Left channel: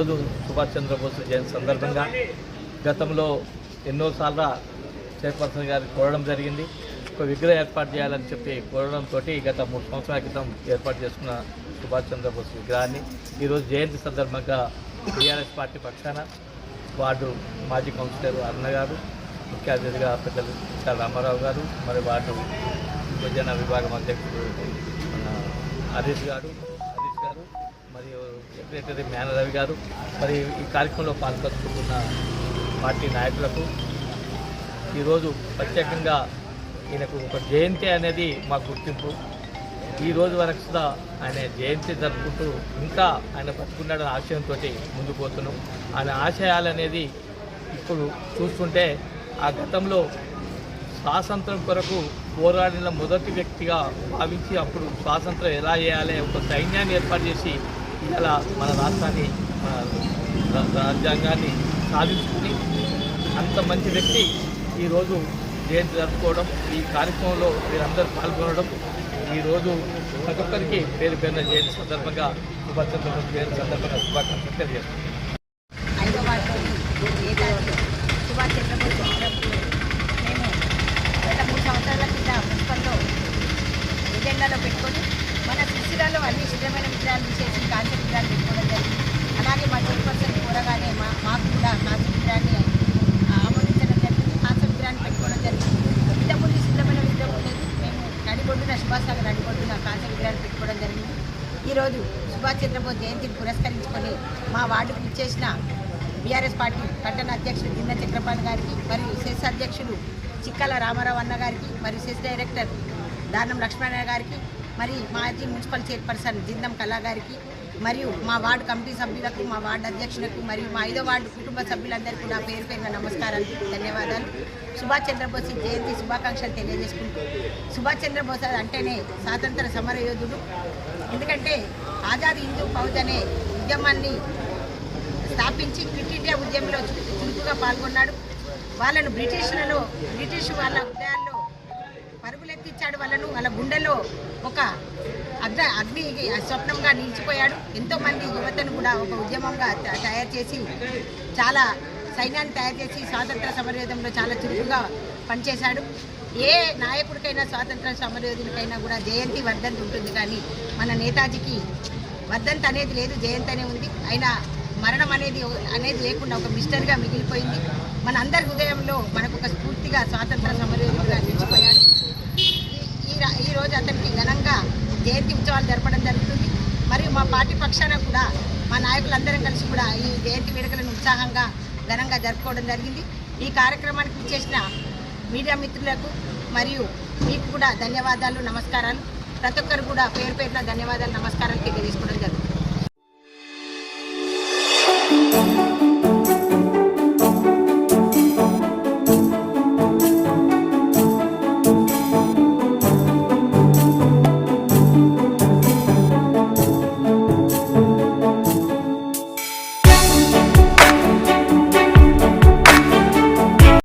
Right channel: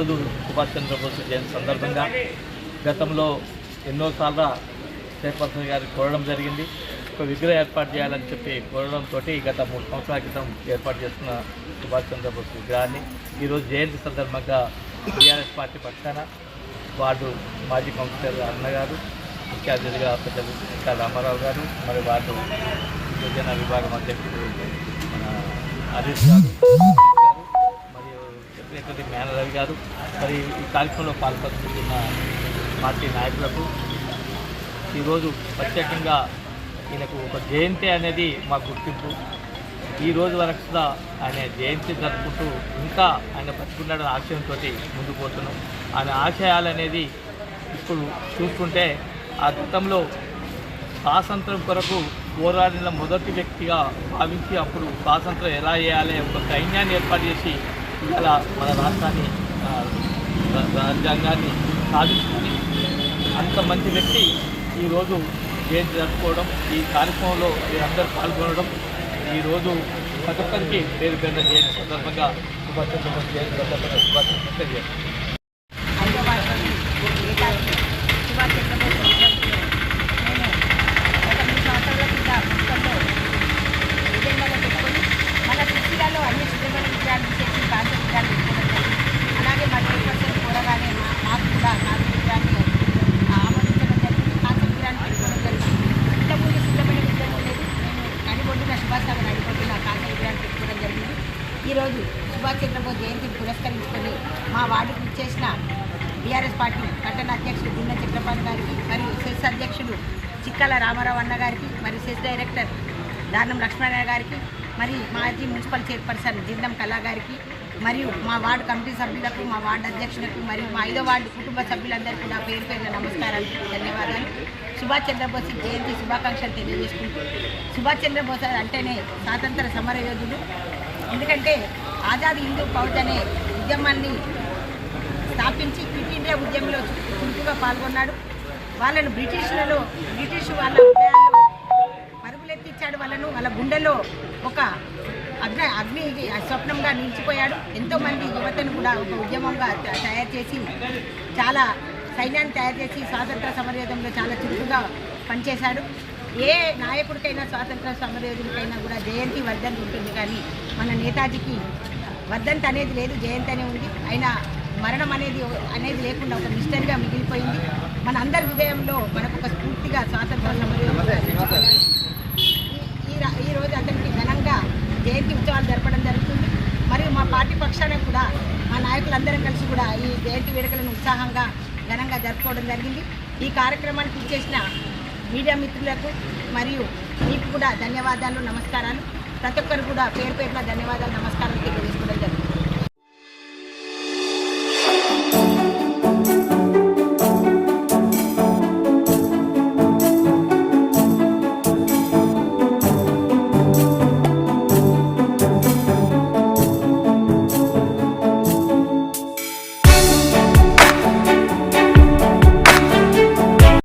ఈరోజు సుభాష్ చంద్రబోస్ జయంతి సందర్భంగా గతంలో ఎన్నోసార్లు చైర్పర్సన్ గారికి కోరడం జరిగింది. ఒక విగ్రహం ఏర్పాటు చేయాలని చెప్పి కోరడంతో గత 3 సంవత్సరాల క్రితం ఏర్పాటు చేస్తున్న సుభాష్ చంద్రబోస్ విగ్రహాన్ని ఈరోజు జయంతి సందర్భంగా టీఆర్ఎస్ పార్టీ పక్షాన వార్డు మాజీ కౌన్సిలర్ అన్న గారు, ముఖ్య అతిథిగా పెద్దలు ఇంకా రామారావు గారు, మరి వార్డు యువజన విభాగం అధ్యక్షుడు మన హరీష్ గారు, మరియు సెక్రటరీ మేనరవి గారు, మరి ఈ కార్యక్రమంలో పాల్పంచుకున్న పార్టీ నాయకులకు ఈరోజు ప్రత్యేకంగా ఈయనకు ఒక జయంతి అనేది మా గుర్తింపు. ఈ రోజు వరకు కూడా ఆయన జయంతి జరుపుకుంటూ ఇంకా ఆయన బతుకున్నాడని ఆశయంతో ముందుకు పోతున్నాం. ఆయన ఆశయాలు అనేది ఇప్పుడు చూస్తుంటే ఆ గతంలో స్వాతంత్రం కొరకు పోరాడిన మొదటి వ్యక్తిగా భావించి అప్పుడు స్వాతంత్రం ఎలా చేయాలి ఒక సైన్యాన్ని ఏర్పాటు చేసి ఇలా మన రాష్ట్రాన్ని రాజ్యాంగాన్ని సాధించుకొని అంత మంచి వ్యక్తి ఈరోజు జయంతి జరుపుకోవడం, ఈ కార్యక్రమంలో మీరందరూ పాల్గొనడం, ఈరోజు ప్రతి ఒక్కరికి పేరు పేరున జయంతి సందర్భంగా సుభాష్ చంద్రబోస్ జయంతి సందర్భంగా శుభాకాంక్షలు తెలియజేస్తాను. సుభాష్ చంద్రబోస్ నేను గత 3 సంవత్సరాల కింద మున్సిపల్లో ఎజెండాలో పెట్టుకొని మన సిరిసిల్లలో అన్ని శుద్ధమైన విగ్రహాలు చేసి కాంస్య విగ్రహాలు పెట్టుకోవడం జరిగింది. అలాగే మా చైర్పర్సన్ కోరగానే మాకు కూడా కాంస్య విగ్రహాన్ని ఆమోదించడం జరిగింది. కాంస్య విగ్రహాన్ని పెట్టుకోవడం జరిగింది. ఇంతకుముందు శుద్ధమైన విగ్రహం ఉండేది. మేము నడిబొడ్డున సుభాష్ నగర్ నడిబొడ్డున కాంస్య విగ్రహాన్ని పెట్టుకోవడం జరిగింది. ఈరోజు సుభాష్ చంద్రబోస్ జయంతిని పురస్కరించుకొని మా వార్డుకు ఇచ్చేసిన టీఆర్ఎస్ పార్టీ పట్టణ అధ్యక్షుడు జింద చక్రపాణి గారికి, మరియు సెస్ అధ్యక్షుడు చిక్కల రామారావు అన్న గారికి, మరియు సెస్ డైరెక్టర్ దానం లక్ష్మణ గారికి, మరి మాజీ మున్సిపల్ చైర్పర్సన్ జిందం కళా గారికి, మరియు మా వార్డు కమిటీ సభ్యులకు, మా వార్డు అధ్యక్షులకు, మరియు మా 5వ వార్డు కుటుంబ సభ్యులందరికీ కూడా పేరు పేరున నమస్కారాలు, ధన్యవాదాలు. సుభాష్ చంద్రబోస్ జయంతి శుభాకాంక్షలు తెలియజేసుకుంటూ, సుభాష్ చంద్రబోస్ అంటేనే స్వాతంత్ర సమర యోధుడు. ఎందుకంటే ఆజాద్ హిందూ ఫౌజ్ అనే ఉద్యమాన్ని స్థాపించి క్విట్ ఇండియా ఉద్యమంలో చురుకుగా పాల్గొన్నాడు. వాళ్ళను బ్రిటిష్ వాళ్ళ హృదయాల్లో పరుగులెత్తించాడు. వాళ్ళ గుండెల్లో ఒక అగ్ని స్వప్నంగా నిలిచిపోయాడు. ఎంతోమంది యువతను కూడా ఒక ఉద్యమంగా తయారు చేసి, చాలా సైన్యాన్ని తయారు చేసి స్వాతంత్ర సమరయోధంలో చాలా చురుకుగా పనిచేశాడు. ఏ నాయకుడికైనా స్వాతంత్ర సమరయోధుడికైనా కూడా జయంతి వర్ధంతి ఉంటుంది, కానీ మన నేతాజీకి వర్ధంతి అనేది లేదు, జయంతి అనే ఉంది. ఆయన మరణం అనేది లేకుండా ఒక మిస్టరీగా మిగిలిపోయింది. మన అందరి హృదయంలో మనకు ఒక స్ఫూర్తిగా స్వాతంత్ర సమరయోధుడిగా నిలిచిపోయాడు. ఈ రోజు అతనికి ఘనంగా జయంతి ఉత్సవాలు జరపడం జరుగుతుంది. మరియు మా పార్టీ పక్షాన కూడా మా నాయకులందరం కలిసి కూడా ఈ జయంతి వేడుకలను ఉత్సాహంగా ఘనంగా జరుపుకోవడం జరిగింది. ఈ కార్యక్రమానికి ఇచ్చేసిన మీడియా మిత్రులకు మరియు మీకు కూడా ధన్యవాదాలు, నమస్కారాలు. ప్రతి ఒక్కరు కూడా పేరు పేరున ధన్యవాదాలు, నమస్కారాలు తెలియజేసుకోవడం జరుగుతుంది.